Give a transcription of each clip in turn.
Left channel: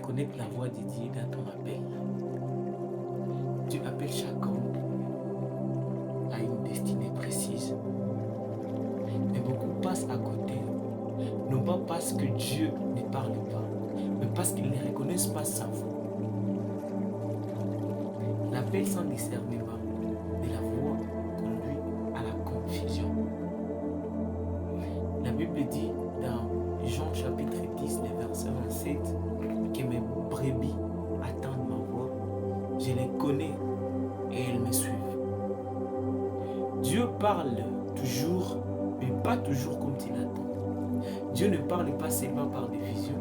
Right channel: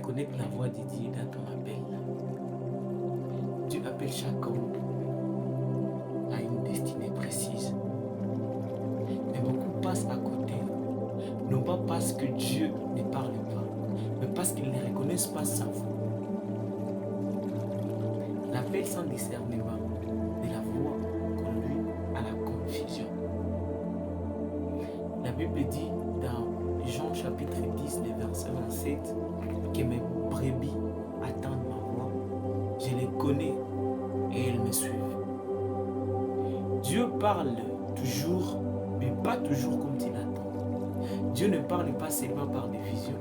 reconnaître la voix de Dieu dans ton appel. Dieu appelle chaque homme à une destinée précise. Mais beaucoup passent à côté, non pas parce que Dieu ne parle pas, mais parce qu'ils ne reconnaissent pas sa voix. L'appel sans discernement de la voix conduit à la confusion. La Bible dit dans Jean chapitre 10, le verset 27, que mes brebis attendent ma voix, je les connais et elles me suivent. Dieu parle toujours, mais pas toujours comme tu l'attends. Dieu ne parle pas seulement par des visions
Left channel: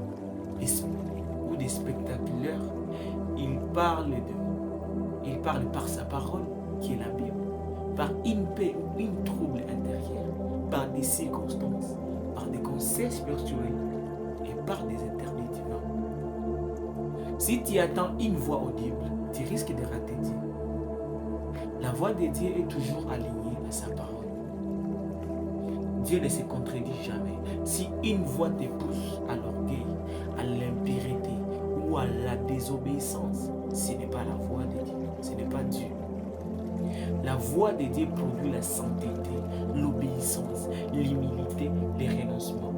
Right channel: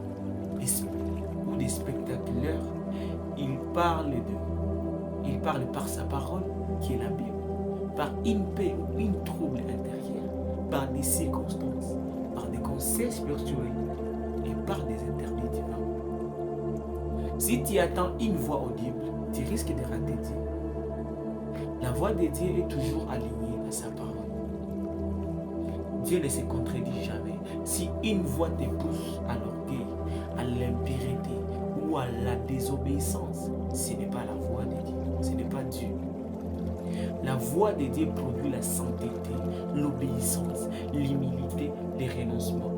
ou des spectateurs, il parle par sa parole, qui est la Bible, par une paix ou une trouble intérieure, par des circonstances, par des conseils spirituels et par des interdits divins. Si tu attends une voix audible, tu risques de rater Dieu. La voix de Dieu est toujours alignée à sa parole. Dieu ne se contredit jamais. Si une voix te pousse à l'orgueil, à l'impurité ou à la désobéissance, ce n'est pas la voix de Dieu, ce n'est pas Dieu. La voix de Dieu produit la sainteté, l'obéissance, l'humilité, le renoncement.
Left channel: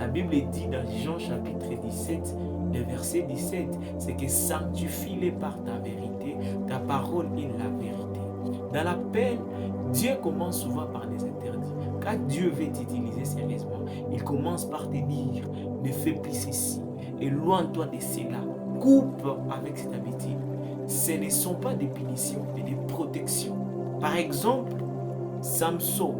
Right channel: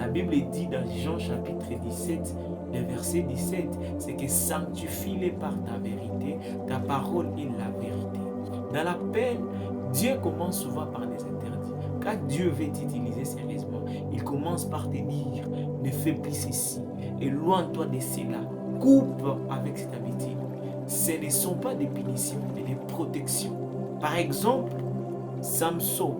La Bible dit dans Jean chapitre 17, le verset 17, c'est que sanctifie-les par ta vérité, ta parole est la vérité. Dans l'appel, Dieu commence souvent par des interdits. Quand Dieu veut t'utiliser sérieusement, il commence par te dire, ne fais plus ceci, éloigne-toi de cela, coupe avec cette habitude. Ce ne sont pas des punitions, mais des protections. Par exemple, Samson,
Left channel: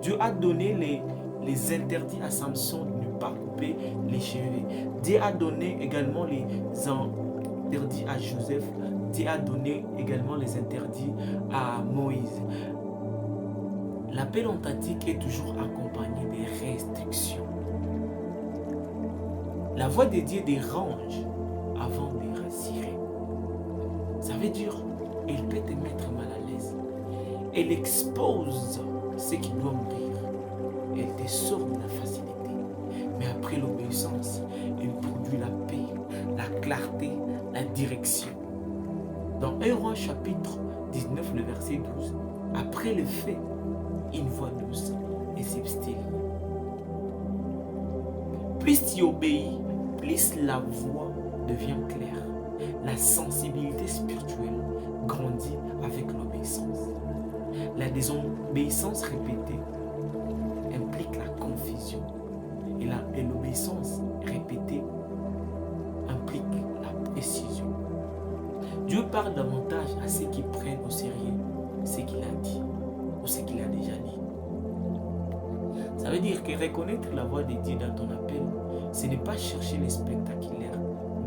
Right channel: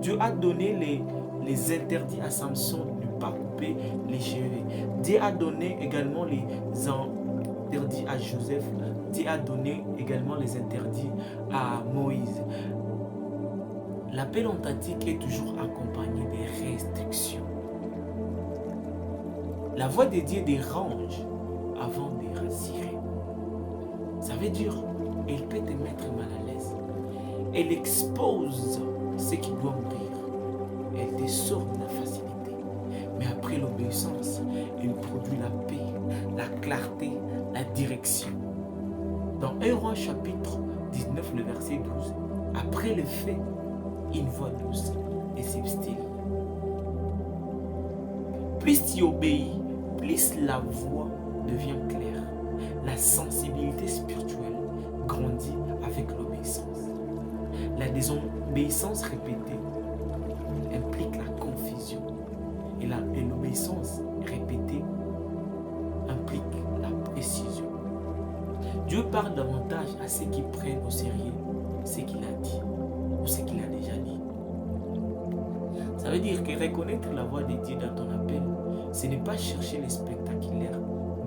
Dieu a donné les interdits à Samson de ne pas couper les cheveux. Dieu a donné également les interdits à Joseph. Dieu a donné également les interdits à Moïse. L'appel authentique est toujours accompagné des restrictions. La voix de Dieu dérange avant de rassurer. Ça veut dire, elle peut te mettre mal à l'aise. Elle expose ce qui doit mourir. Elle te sort de la facilité. Mais après l'obéissance, elle produit la paix, la clarté, la direction. Dans 1 Roi chapitre 19, le verset 12, après le fait, une voix douce et subtile. Plus tu obéis, plus la voix devient claire. La sensibilité spirituelle grandit avec l'obéissance. La désobéissance répétée implique la confusion. Et l'obéissance répétée implique la précision. Dieu parle davantage à ceux qui prennent au sérieux ce qu'il a dit ou ce qu'il a déjà dit. Ça veut dire que reconnaître la voix de Dieu dans ton appel, ce n'est pas chercher les spectaculaires,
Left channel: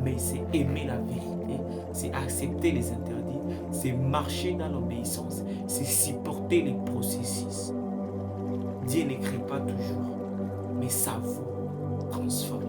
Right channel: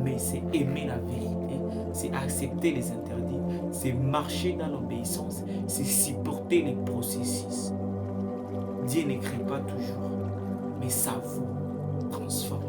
mais c'est aimer la vérité, c'est accepter les interdits, c'est marcher dans l'obéissance, c'est supporter les processus. Dieu n'écrit pas toujours, mais sa voix transforme.